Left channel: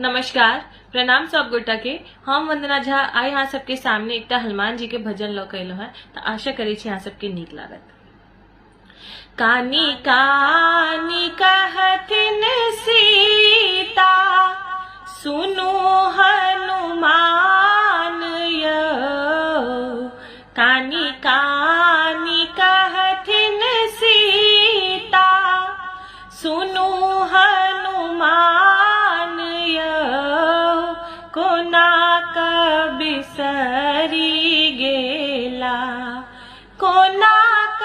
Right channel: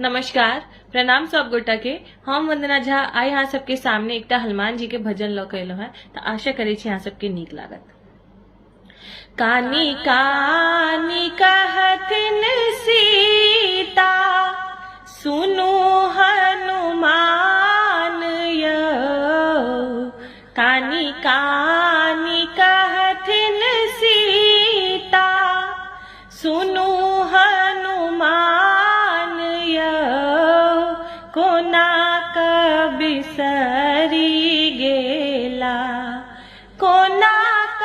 नमस्कार, प्रणाम सब गोटा के। हम वंदना झा आई यहाँ सबके सामने एकटा हनुमान जी के भजन ल के अयलहुँ हैं, तो आशा करे छी यहाँ सबके नीक लागत। कानी कानी कहथिन सीता, सुनु हनुमान यौ। कानी कानी कहथिन सीता, सुनु हनुमान यौ। कोना क बिसरी गेला, कोना क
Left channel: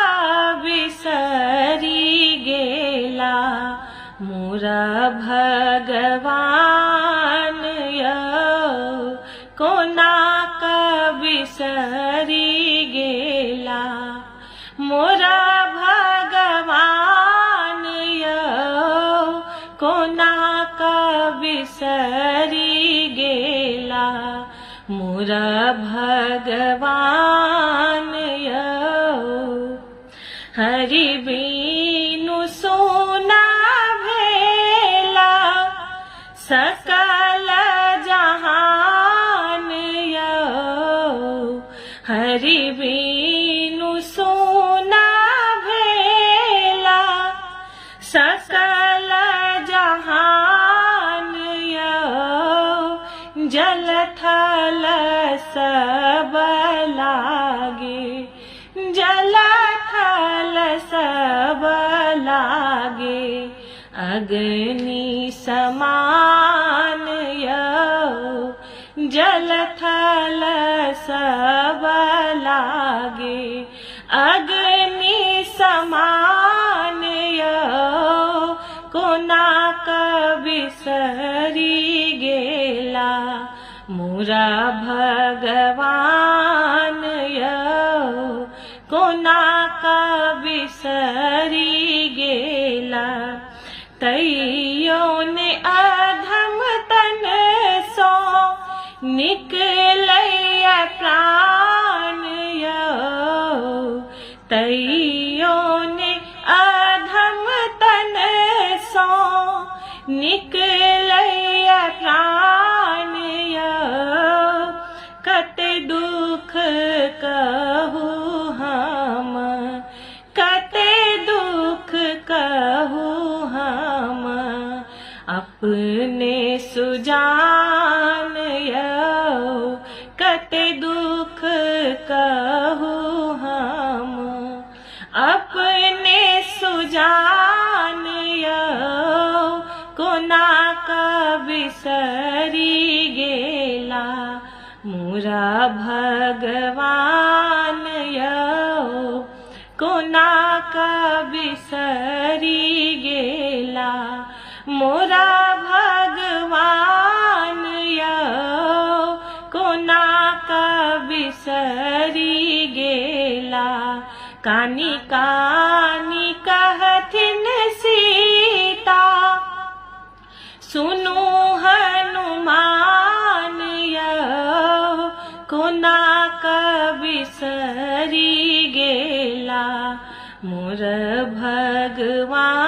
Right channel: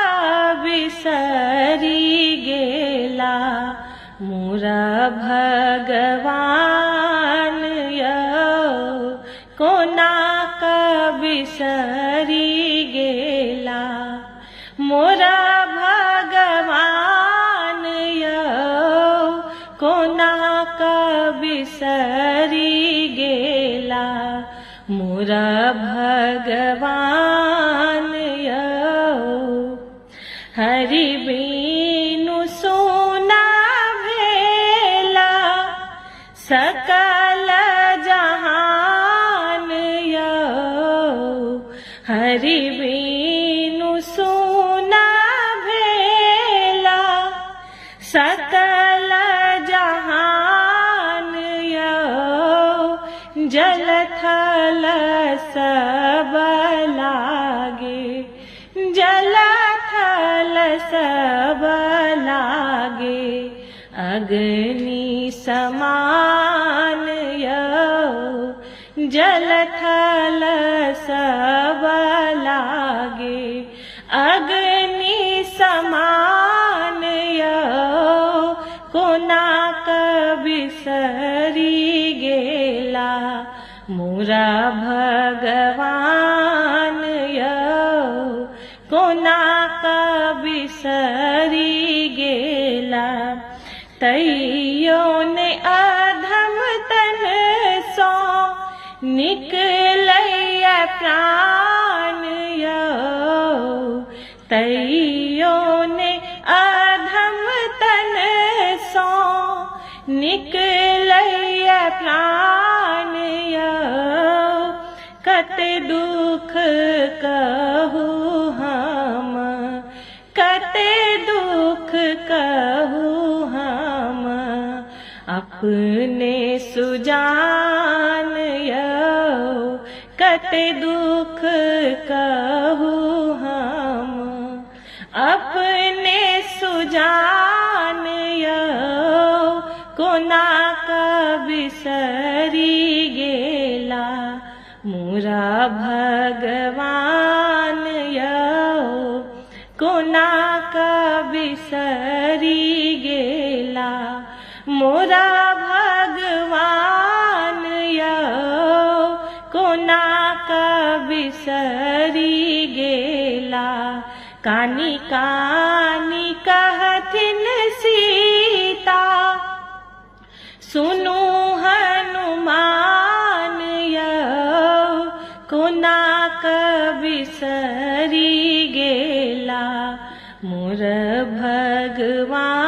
बिसरी गेला, मोरा भगवान यौ। कोना क बिसरी गेला, मोरा भगवान यौ। कोना क बिसरी गेला, मोरा भगवान यौ। हरि बिनु सोना भेला, सकल जहान यौ। हरि बिनु सोना भेला, सकल जहान यौ। जल थल सब लागे, जल थल सब लागे, अग्नि समान यौ। जल थल सब लागे, अग्नि समान यौ। कोना क बिसरी गेला, मोरा भगवान यौ। कोना क बिसरी गेला, तैयो ने अधम तन सो निकलैया प्राण यौ। तैयो ने अधम तन सो निकलैया प्राण यौ। कते दुख कहू हम, कते दुख कहू हम, अपने सुजान यौ। कते दुख कहू हम, अपने सुजान यौ। कोना क बिसरी गेला, मोरा भगवान यौ। कोना क बिसरी गेला, मोरा भगवान यौ। कोना क बिसरी गेला, कानी कानी कहथिन सीता, सुनु हनुमान यौ। कोना क बिसरी गेला, मोर भगवान